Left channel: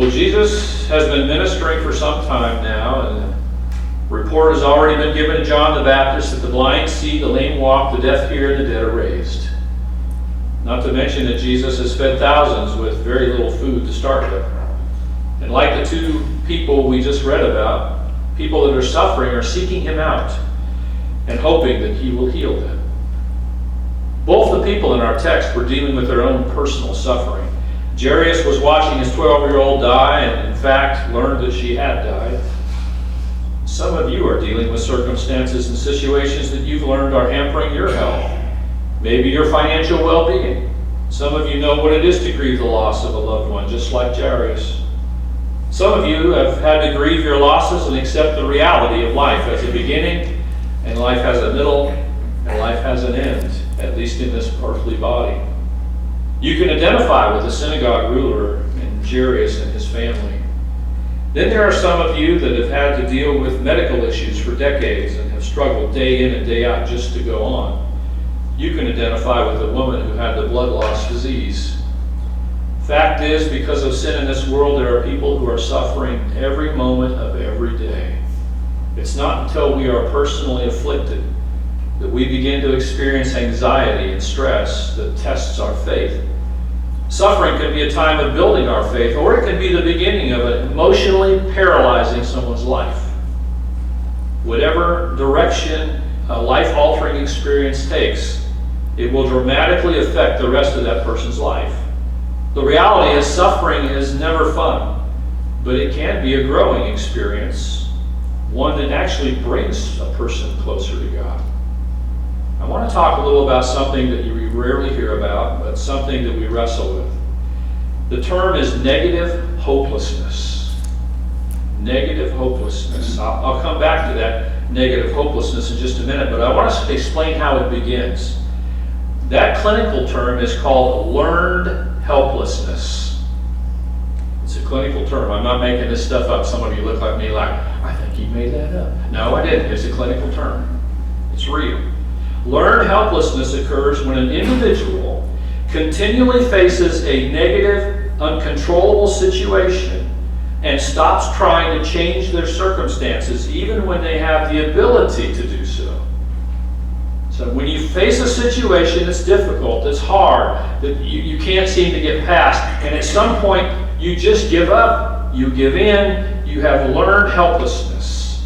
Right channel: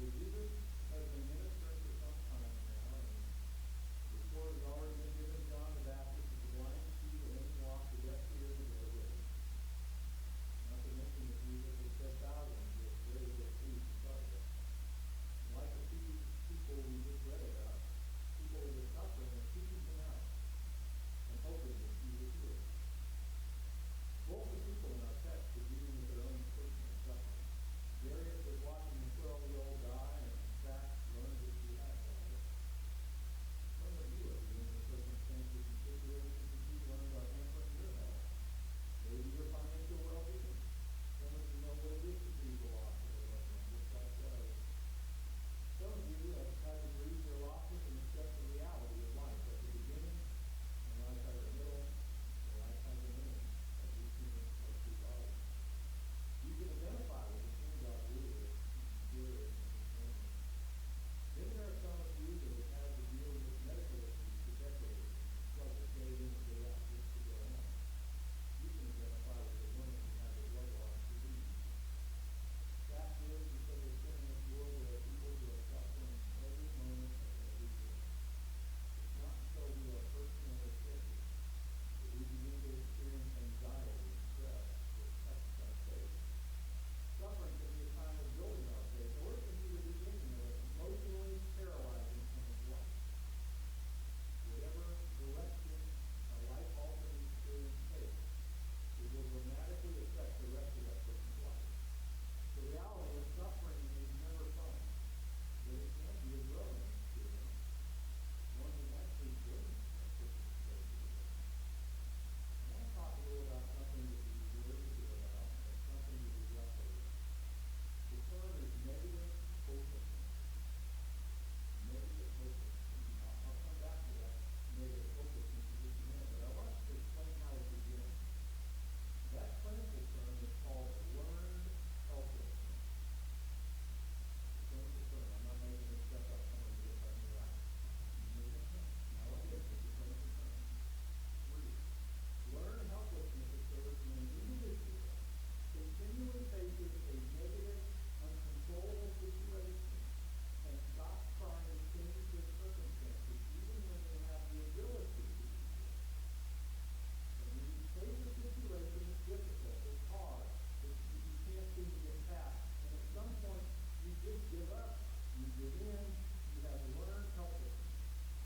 Well, Jesus has been ministering for some time now, and the report has already been given to John the Baptist that the blind see, the lame walk, the deaf hear, and the dead are raised. Not to mention that Jesus has fed thousands with very little food to start with. And like the two people we just read about, people that are suffering are seeking him out and hoping that he will heal them. Both the people in our text were dealing with their own personal suffering. Jairus was watching his 12-year-old die and in fact learned that she had died. Some of you are dealing with circumstances and situations that you've learned are hampering your health, maybe your financial well-being. Some of you know what it is to grieve the loss of a loved one, just like Jairus. Some of you have had to grieve your losses and accept the reality of life as a beginning, and life has a middle, and life has an end, at least in this earthly body. You can identify with the synagogue ruler and Jairus and his family. Then there are some of you that have had to deal with medical issues for decades and have struggled day in and day out just to go on. You can identify with the woman who had the blood loss disease. Fact is, because of sin in this world, there are people who are suffering every moment of every day. It's not until we are personally afflicted that we begin to experience anxiety and stress that tests our faith. Suffering can be a time of building our faith, or it can be the beginning of it, emotionally paralyzing someone's life. Whatever direction a life-altering experience takes, it will dramatically affect the rest of that person's life. The reality is, suffering is never fun, but it can be a growing experience, one that actually brings a person closer to God. I want to talk a little about something that you rarely hear about, but something that we wrestle with. The term is negative hopelessness. Negative hopelessness. I'll come back to that negative hopelessness in just a minute, but I want to explain how it begins. That clinical term is called learned helplessness. It's a clinical term. I'm not making this stuff up. Some of you look like me like, I think he made that up. No, I didn't. It's a clinical term. It's real. Learned helplessness occurs when an individual continually faces a negative, uncontrollable situation and stops trying to change their circumstances, even when they have the ability to do so. So when you face a situation that's difficult, that's hard, that you can't seem to get past, and at some point you just give up, you give in, you have learned helplessness.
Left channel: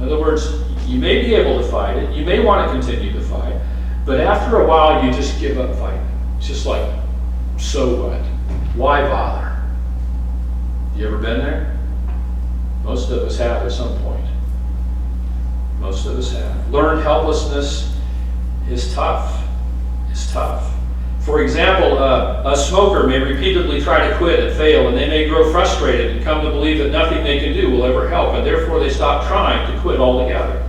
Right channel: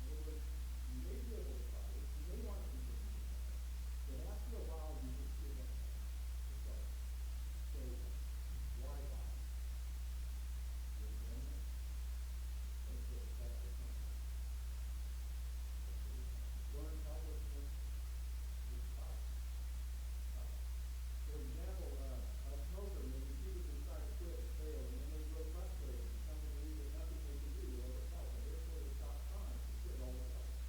In other words, you may be able to fight it, you may want to continue to fight, but after a while you just give up fighting. It's just like, so what? Why bother? You ever been there? Most of us have at some point. Most of us have. Learned helplessness is tough. It's tough. For example, a smoker may repeatedly try to quit and fail, and they may grow frustrated and come to believe that nothing they can do will ever help, and therefore they stop trying to quit altogether.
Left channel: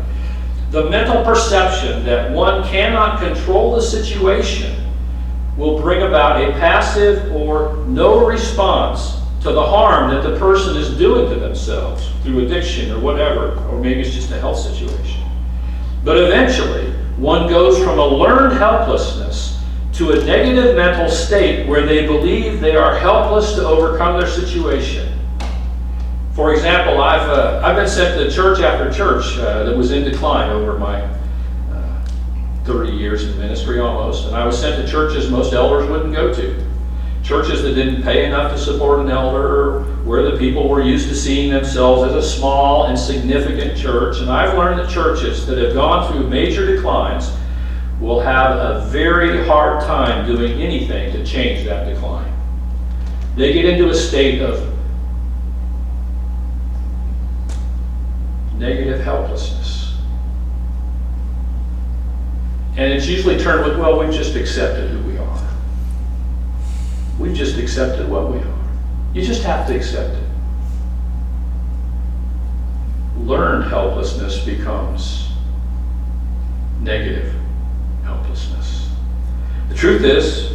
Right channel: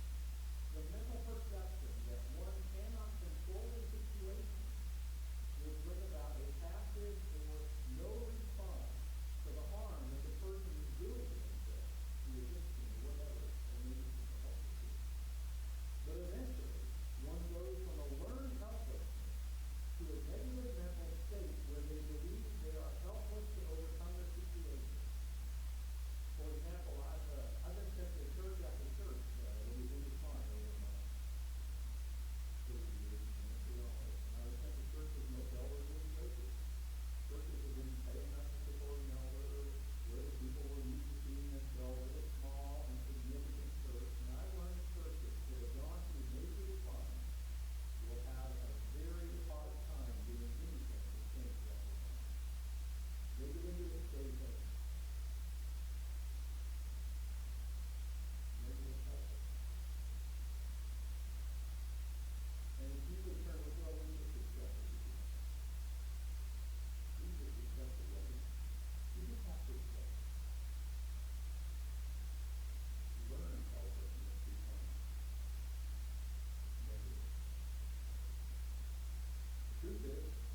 The mental perception that one cannot control the situation will bring about a passive or no response to the harm that the person is doing to themselves through addiction or whatever, or maybe it's just a health situation. But eventually, one goes from a learned helplessness to a negative mental state where they believe they are helpless to overcome their situation. For example, I've been sent to church after church that was in decline over my 30 years in ministry almost, and I was sent to churches most elders wouldn't go to. Churches that didn't pay enough to support an elder, where the people were used to seeing themselves as a small, insignificant church. And I've learned that churches that have gone through major declines will have a very hard time doing anything to change that decline. They get into a state of negative helplessness. And it's usually turned with, well, we've just accepted who we are. We've just accepted what we are. You just have to accept it. Learned helplessness becomes negative helplessness. The truth is,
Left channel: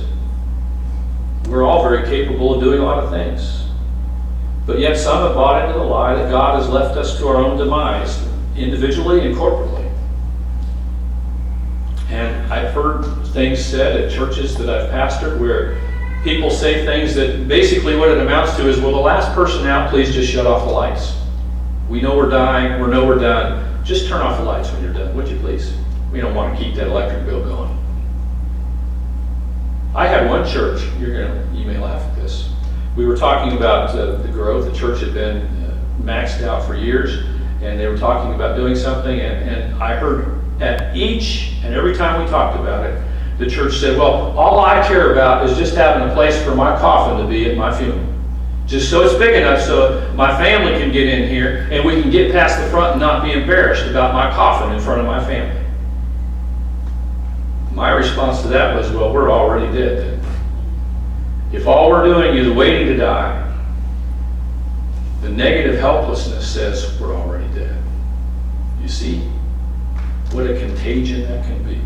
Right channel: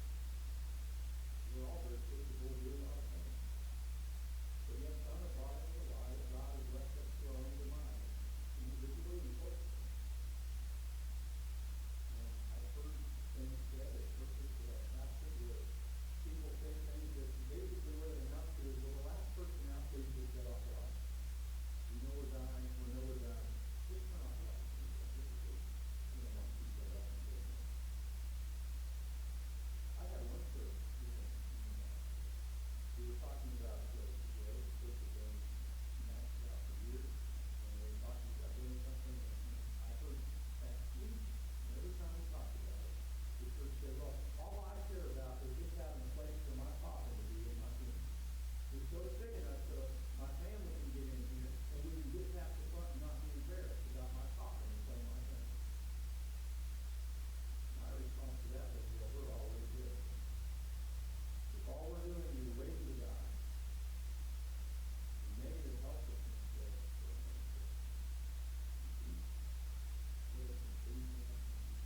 we're all very capable of doing a lot of things. But yet some have bought into the lie that God has left us to our own demise, individually and corporately. And I've heard things said at churches that I've pastored where people say things that basically what it amounts to is, will the last person out please just shut off the lights? We know we're dying, we know we're done. Just turn off the lights when you're done, would you please? We don't want to keep that electric bill going. I had one church, you may laugh at this. We were talking about the growth. The church had been maxed out for years, and they were talking about doing something, and I heard at each and every time we talked about it, the church said, well, all I care about is just having a place for my coffin to be at my funeral. Just so it's big enough so my family can get in here and we can get past the front and not be embarrassed about my coffin in front of my family. My response to that was, well, we're already dead then. If all we're doing is waiting to die, the negative helplessness says we're already dead. You see what a contagion that can be.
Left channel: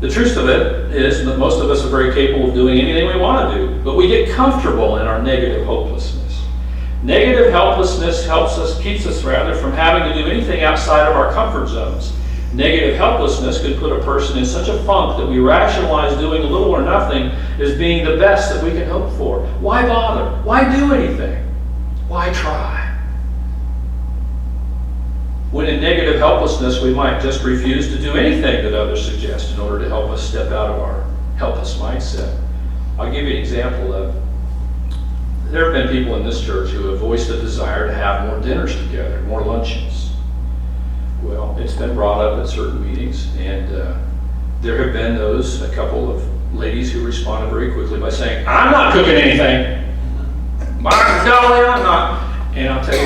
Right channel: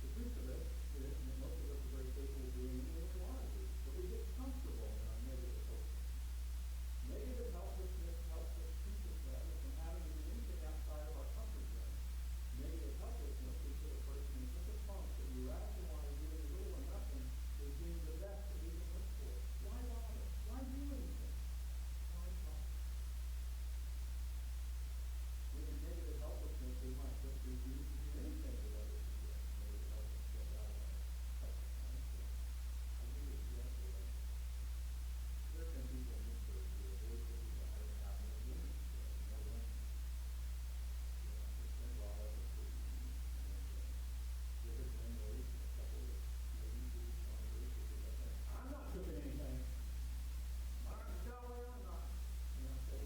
The truth of it is that most of us are very capable of doing anything we want to do, but we get comfortable in our negative hopelessness. Negative helplessness keeps us from having to do anything outside of our comfort zones. Negative helplessness could put a person in such a funk that we rationalize doing little or nothing as being the best that we can hope for. Why bother? Why do anything? Why try? When in negative helplessness, we might just refuse to do anything that others suggest in order to help us step out of our helpless mindset. I'll give you an example of, there have been people in this church who have voiced a desire to have more dinners together, more luncheons. Well, it's been brought up at certain meetings, and there have been a couple of ladies who responded very quickly by saying, I'm not cooking anything. No, I'm not. And I'll tell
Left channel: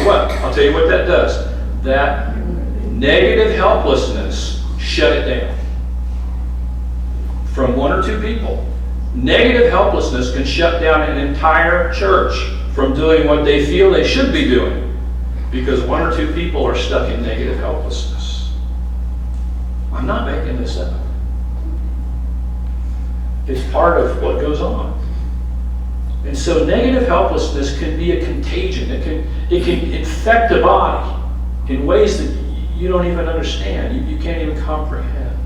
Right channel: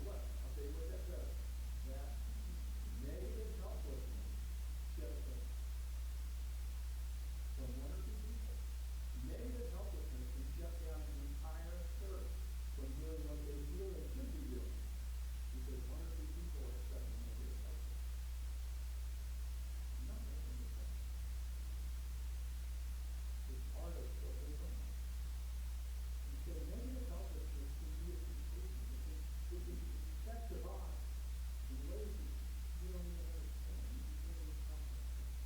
you what that does. That negative helplessness shut it down. From one or two people. Negative helplessness can shut down an entire church from doing what they feel they should be doing because one or two people are stuck in negative helplessness. I'm not making this up. It's part of what goes on. And so negative helplessness can be a contagion. It can infect the body in ways that you don't even understand. You can't even comprehend.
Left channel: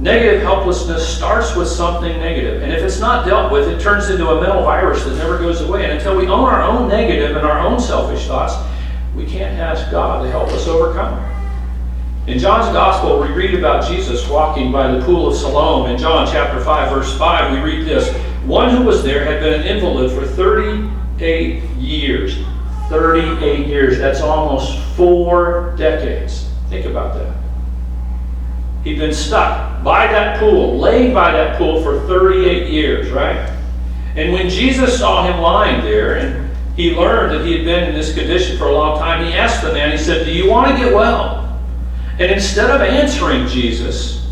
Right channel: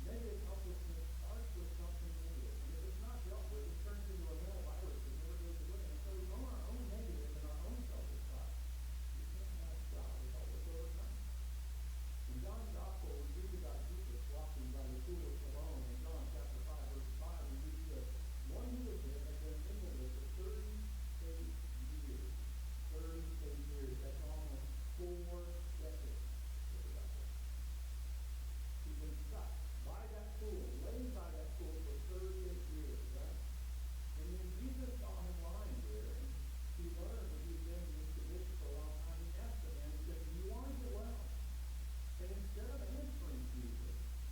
Negative helplessness starts with something negative, and if it's not dealt with, it turns into a mental virus that never goes away. And until we own our own negative and our own selfish thoughts, we can't ask God to help us overcome it. In John's Gospel, we read about Jesus walking by the pool of Siloam. In John chapter 5, verse 5, we read this. One who was there had been an invalid for 38 years. 38 years. That's almost 4 decades. Think about that. He'd been stuck by that pool, laid by that pool for 38 years, right? And when Jesus saw him lying there, and he learned that he had been in this condition for a long time, he asked the man, he said, do you want to get well? And instead of answering his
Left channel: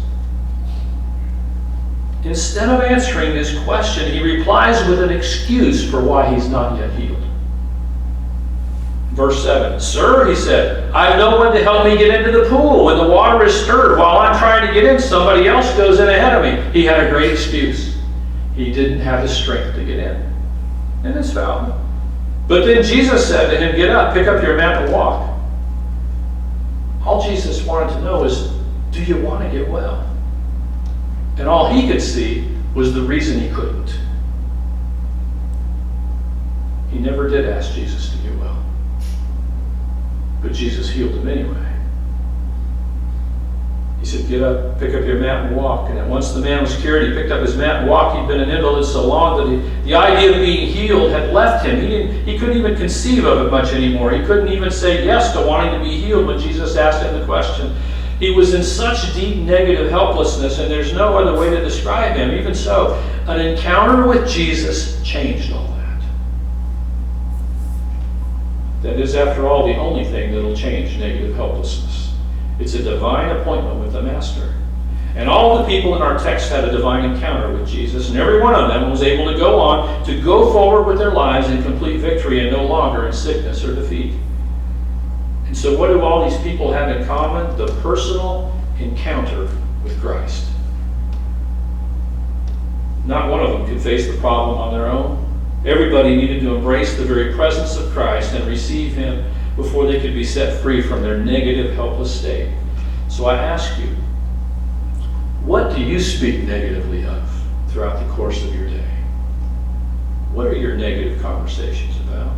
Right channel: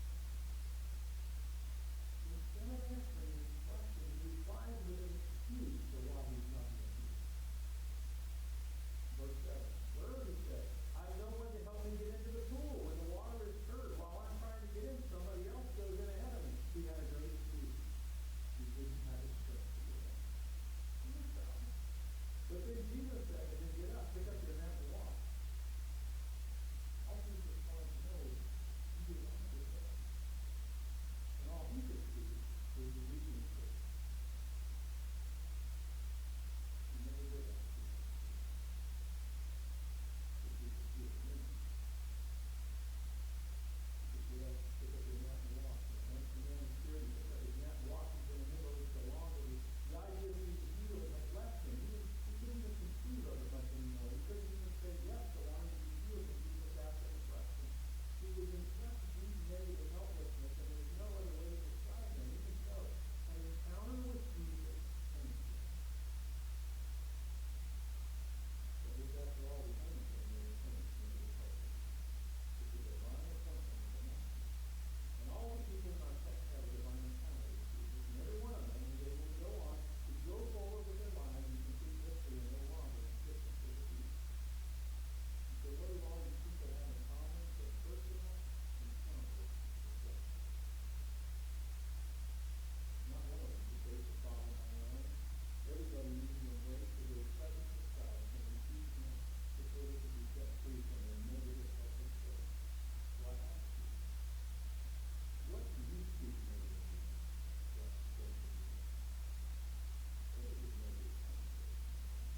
question, he replies with an excuse for why he's not yet healed. Verse 7, Sir, he said, I have no one to help me get into the pool. When the water is stirred, while I'm trying to get in, somebody else goes in ahead of me. He had a great excuse. He didn't have the strength to get in. And it's valid. But then Jesus said to him, get up, pick up your mat and walk. All Jesus wanted to know is, do you want to get well? And all he could see was the reason he couldn't. He never did ask Jesus to get well. But Jesus healed him anyway. He said, get up, pick up your mat and walk. And once the man was cured, he picked up his mat and walked. He'd been an invalid so long that the idea of being healed had left him. He couldn't even conceive of it much anymore. He couldn't even say yes to wanting to be healed when Jesus asked him the question. He was in such deep negative helplessness, and there's no other way to describe him. Even so, an encounter with Jesus changed all that. That is, after all, the only thing that will change negative helplessness. It's a divine appointment with the Master. And all the people in our text had a divine encounter with Jesus, and every one of them was able to go on to go forward with their lives in complete victory and no longer in sickness or defeat. And so what do all these people have in common? The personal encounter with Christ. Not one of them could face the problem on their own. Everybody needed to embrace the very presence of Christ and receive him before they could be set free from their negative, helpless state. So I ask you, what do you speak negatively of throughout the course of your day? What are your negative conversations about?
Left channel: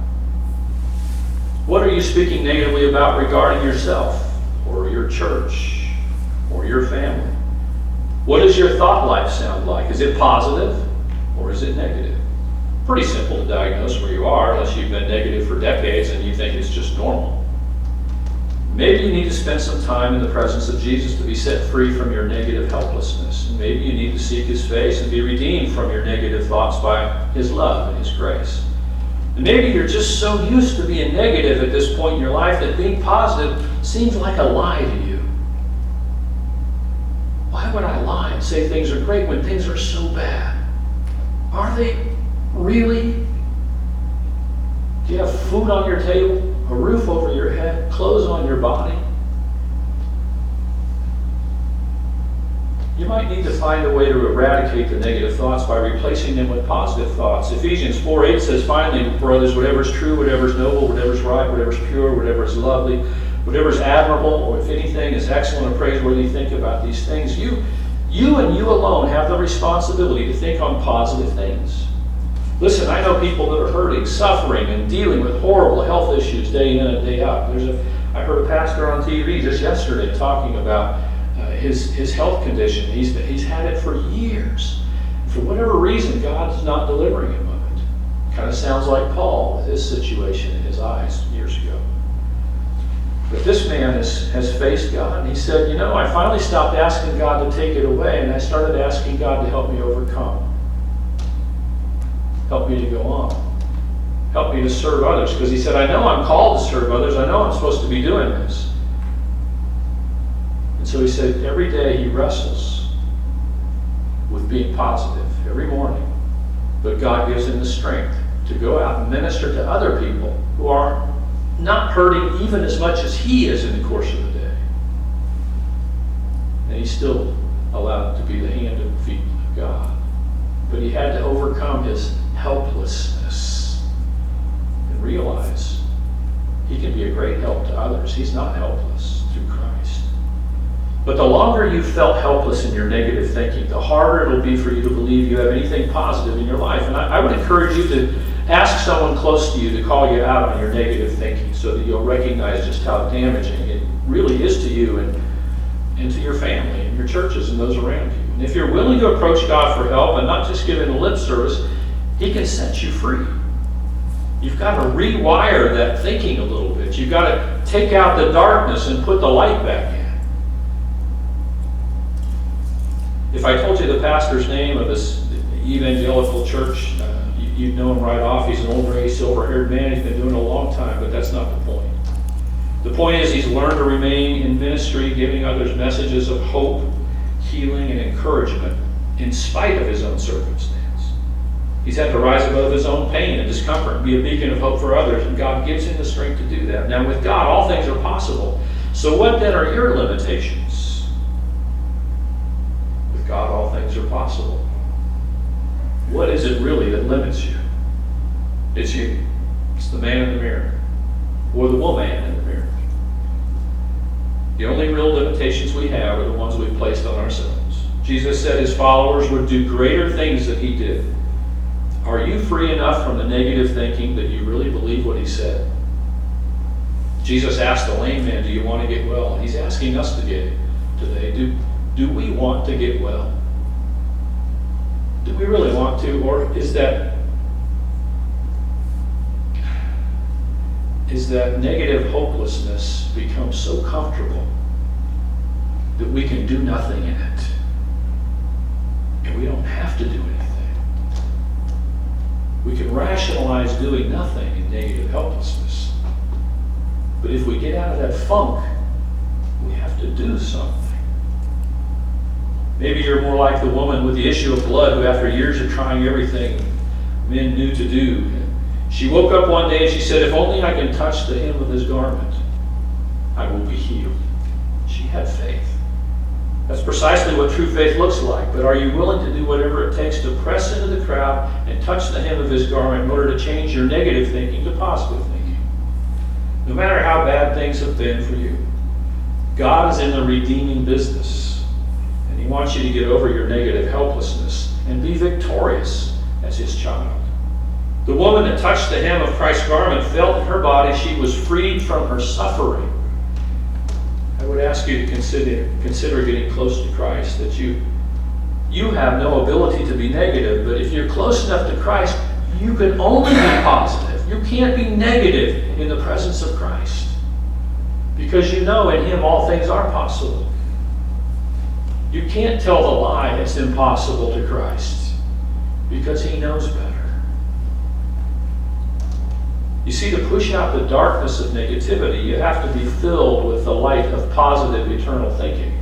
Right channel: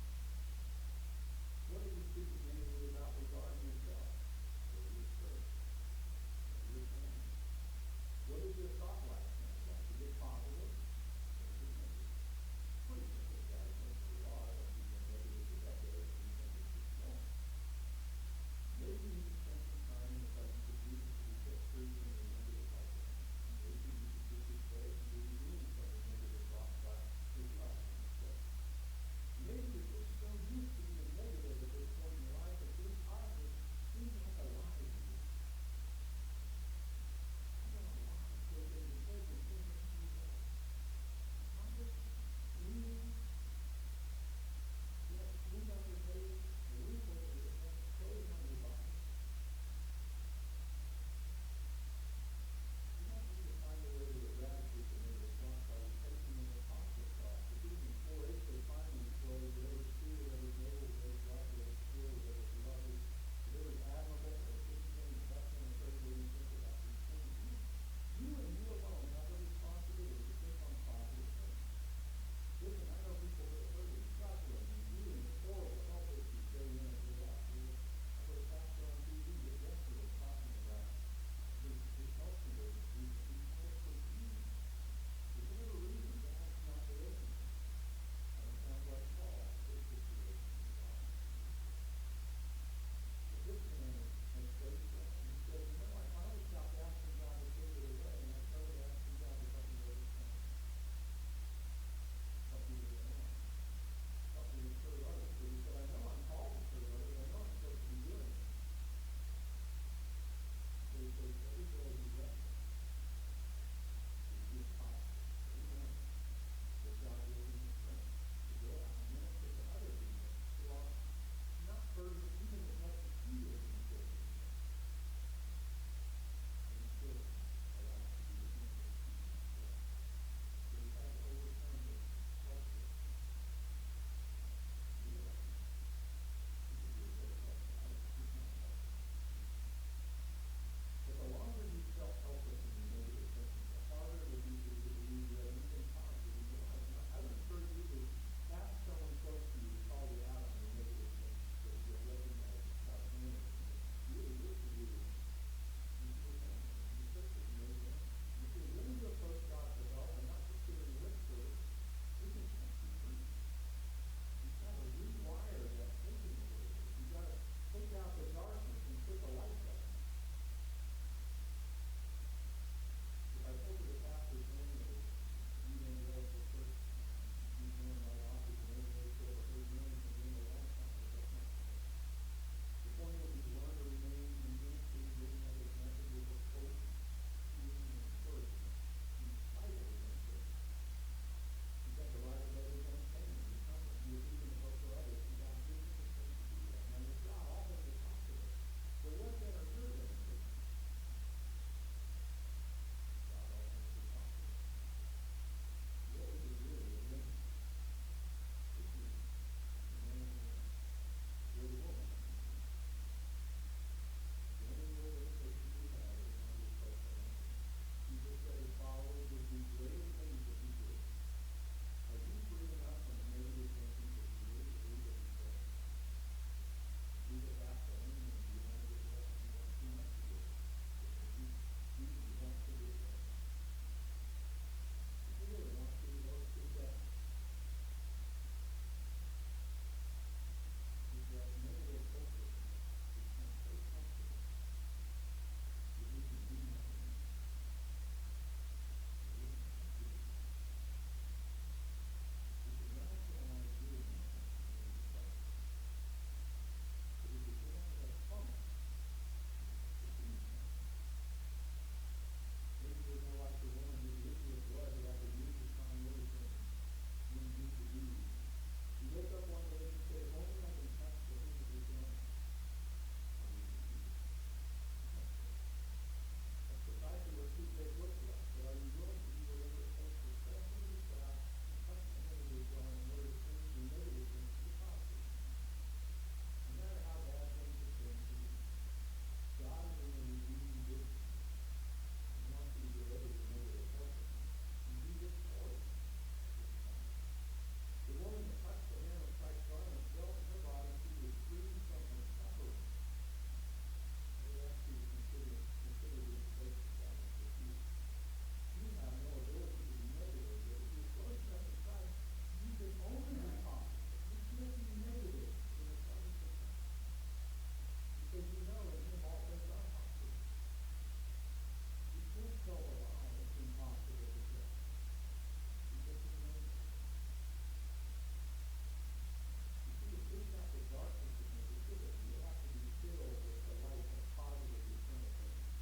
What are you speaking negatively about regarding yourself or your church or your family? What does your thought life sound like? Is it positive or is it negative? Pretty simple to diagnose where you are, unless you've been negative for decades and you think it's just normal. Maybe you need to spend some time in the presence of Jesus to be set free from your negative helplessness. And maybe you need to seek His face and be redeemed from your negative thoughts by His love and His grace. And maybe you're just so used to being negative at this point in your life that being positive seems like a lie to you. Why would I lie and say things are great when things are so bad? Are they really? Do you have food on your table, a roof over your head, clothes on your body? You might need to find a way to eradicate the negative thoughts by replacing them with positive thoughts. Ephesians 4:8 says, finally, brothers, whatever is true, whatever is noble, whatever is right, whatever is pure, whatever is lovely, whatever is admirable, or if anything is excellent or praiseworthy, think about these things. You and you alone have the responsibility to think on positive things. Listen, I know people that are hurting, suffering, and dealing with horrible health issues day in and day out. I heard a pastor on TV just yesterday talking about his health condition. He's had it for years. For whatever reason, God's not delivering him of it. Kind of sounds like Paul with his situation in his eyes years ago. But this man has faced God, and he said, I finally stopped asking God to take it away, and I started asking God to help me overcome. Help me to go on. Help me to serve others. Because he said, I know I'm called to serve others. I know I'm supposed to be doing this. And so he said, every day he wrestles with being positive, every morning. But God gives him the strength to go out and minister to other people who are not hurting even as much as he is in the course of the day. And he's still allowed to be the hand and feet of God. But he had to overcome his helplessness and realize he can be a great help to others. He's not helpless through Christ. But the longer you felt helpless in your negative thinking, the harder it'll be for you to believe you have anything positive in your life. And I would encourage you to ask someone close to you to call you out on your negative thinking so that you'll recognize just how damaging it really is to you and to your family and your churches and those around you. And if you're willing to approach God for help and not just give him a lip service, he can set you free. You've got to rewire that thinking a little bit. You've got to take out the darkness and put the light back in. If I told you the pastor's name of this evangelical church, you'd know him right off. He's an old gray, silver-haired man. He's been doing it a long time, but that's not the point. The point is he's learned to remain in ministry, giving others messages of hope, healing, and encouragement in spite of his own circumstance. He's had to rise above his own pain and discomfort and be a beacon of hope for others, and God gives him the strength to do that. Now, with God, all things are possible. So what then are your limitations? With God, all things are possible. What is it really that limits you? It's you. It's the man in the mirror, or the woman in the mirror. The only real limitations we have are the ones we've placed on ourselves. Jesus said his followers would do greater things than he did. Are you free enough from the negative thinking that you really believe what he said? Jesus asked the lame man, do you want to get well? And he's asking us to get today. Do we want to get well? Do we really want to? Or is that negative hopelessness become so comfortable that we can do nothing in it? And we don't have to do anything. We can rationalize doing nothing in negative helplessness. But if we get out of that funk, we have to do something. Maybe you're more like the woman with the issue of blood who, after years of trying everything men knew to do, she woke up one day and she said, if only I can touch the hem of his garment, I will be healed. She had faith. That's precisely what true faith looks like. But are you willing to do whatever it takes to press into the crowd and touch the hem of his garment in order to change your negative thinking to positive thinking? No matter how bad things have been for you, God is in the redeeming business. And he wants you to get over your negative helplessness and be victorious as his child. The woman that touched the hem of Christ's garment felt in her body she was freed from her suffering. I would ask you to consider getting close to Christ, that you have no ability to be negative, but if you're close enough to Christ, you can only be positive. You can't be negative in the presence of Christ, because you know in Him all things are possible. You can't tell the lie it's impossible to Christ, because He knows better. You see, to push out the darkness of negativity, you have to be filled with the light of positive eternal thinking.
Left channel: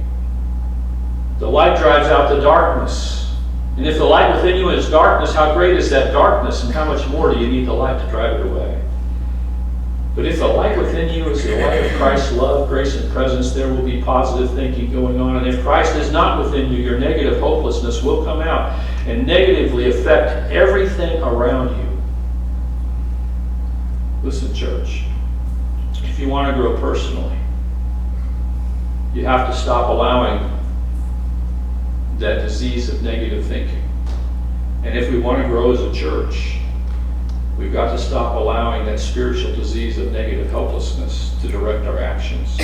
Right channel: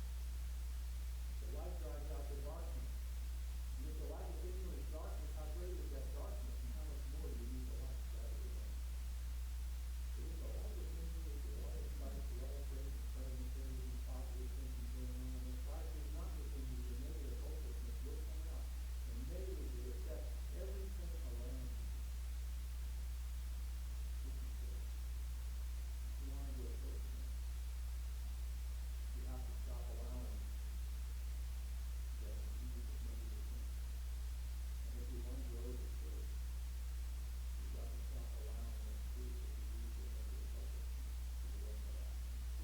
The light drives out the darkness. And if the light within you is darkness, how great is that darkness, and how much more do you need the light to drive it away? But if the light within you is the light of Christ's love, grace, and presence, there will be positive thinking going on. And if Christ is not within you, your negative hopelessness will come out and negatively affect everything around you. Listen, church, if you want to grow personally, you have to stop allowing that disease of negative thinking. And if we want to grow as a church, we've got to stop allowing that spiritual disease of negative helplessness to direct our actions.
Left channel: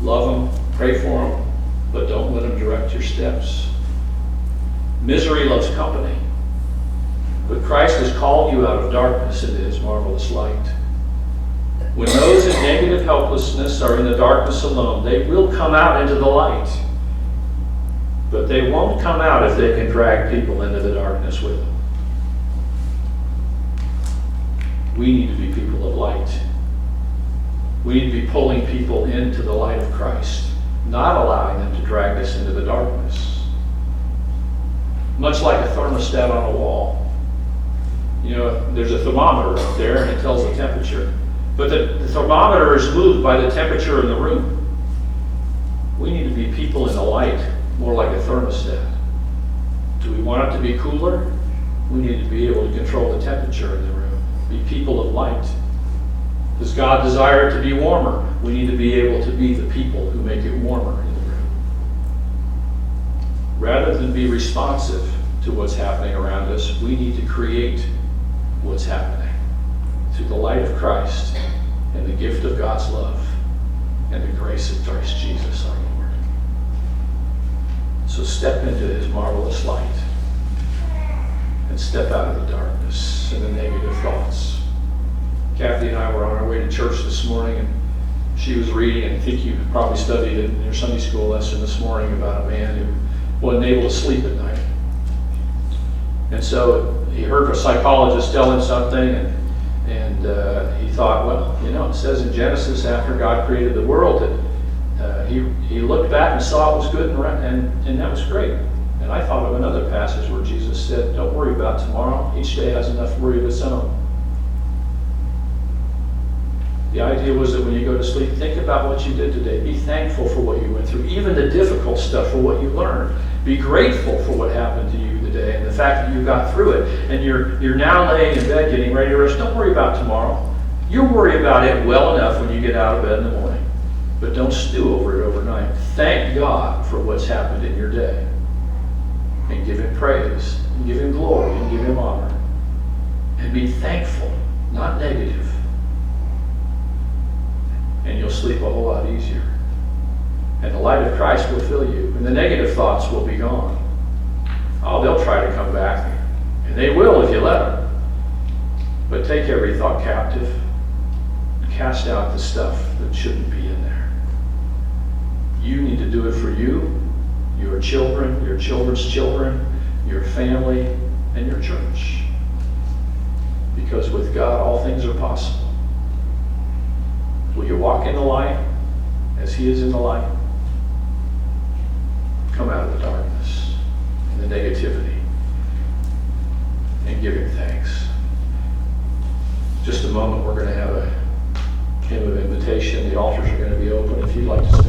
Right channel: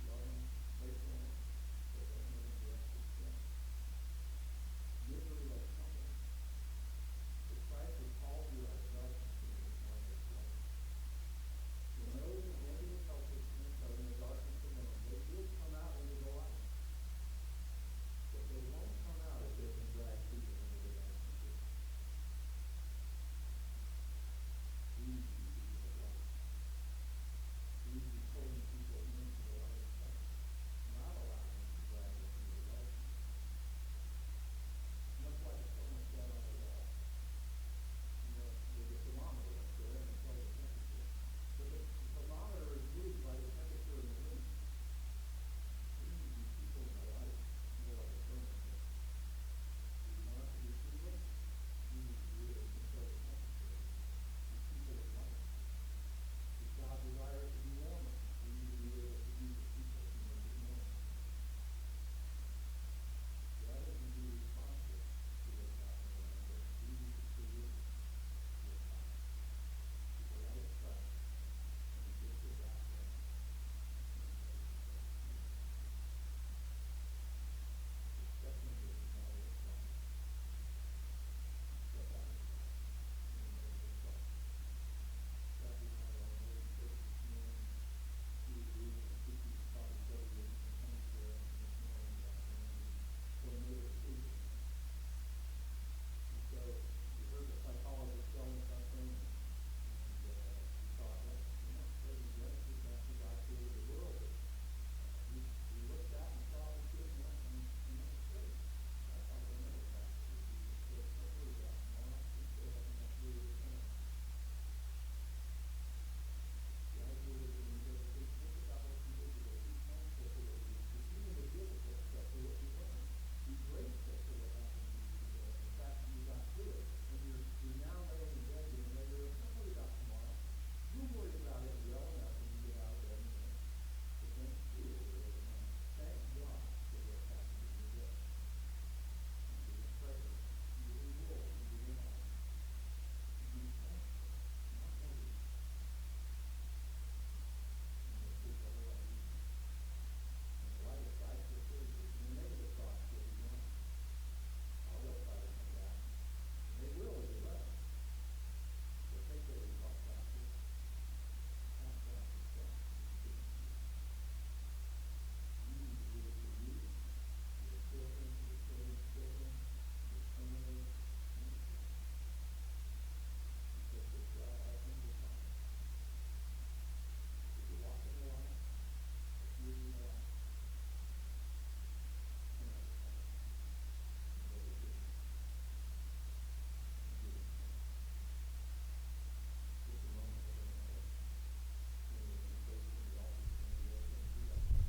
Love them, pray for them, but don't let them direct your steps. Misery loves company. But Christ has called you out of darkness into His marvelous light. When those in negative helplessness are in the darkness alone, they will come out into the light. But they won't come out if they can drag people into the darkness with them. We need to be people of light. We need to be pulling people into the light of Christ, not allowing them to drag us into the darkness. Much like a thermostat on a wall. You know, there's a thermometer up there and it tells the temperature. But the thermometer is moved by the temperature in the room. We need to be people in the light, more like a thermostat. Do we want it to be cooler? We need to be able to control the temperature in the room. Be people of light. Does God desire it to be warmer? We need to be able to be the people who make it warmer in the room. Rather than be responsive to what's happening around us, we need to create what's happening through the light of Christ and the gift of God's love and the grace of Christ Jesus our Lord. So step into His marvelous light and step out of the darkness and the negative thoughts. Kathy and I were on our way to church this morning, and she was reading, and I think you probably studied it in your Sunday school lesson this morning, about a man who wasn't able to sleep at night. And so he heard a psychologist tell him something, and he thought, well, you know, it says in Genesis, after God created the world, that he looked back and saw it was good, and that was great. And I thought of another passage where Jesus said, don't worry about tomorrow. Each day has enough worry of its own. The idea was that when you go to sleep, think about what you did today. Be thankful for what you went through, even the difficult stuff, for what you learned. Be grateful for what happened to you today and the fact that you got through it. And you're now laying in bed getting ready to rest. Don't worry about tomorrow. You'll worry about it well enough when you get out of bed in the morning. But don't stew over it overnight. Thank God for what's happened in your day. And give Him praise, and give Him glory, and give Him honor. And be thankful, not negative. And you'll sleep a whole lot easier. And the light of Christ will fill you, and the negative thoughts will be gone. Oh, they'll try to come back, and they will if you let them. But take every thought captive, and cast out the stuff that shouldn't be in there. You need to do it for you, your children, your children's children, your family, and your church. Because with God, all things are possible. Will you walk in the light as He is in the light? Come out of the darkness and the negativity and give Him thanks. Just a moment, we're going to have a hymn of invitation. The altars are going to be open if you'd like to spend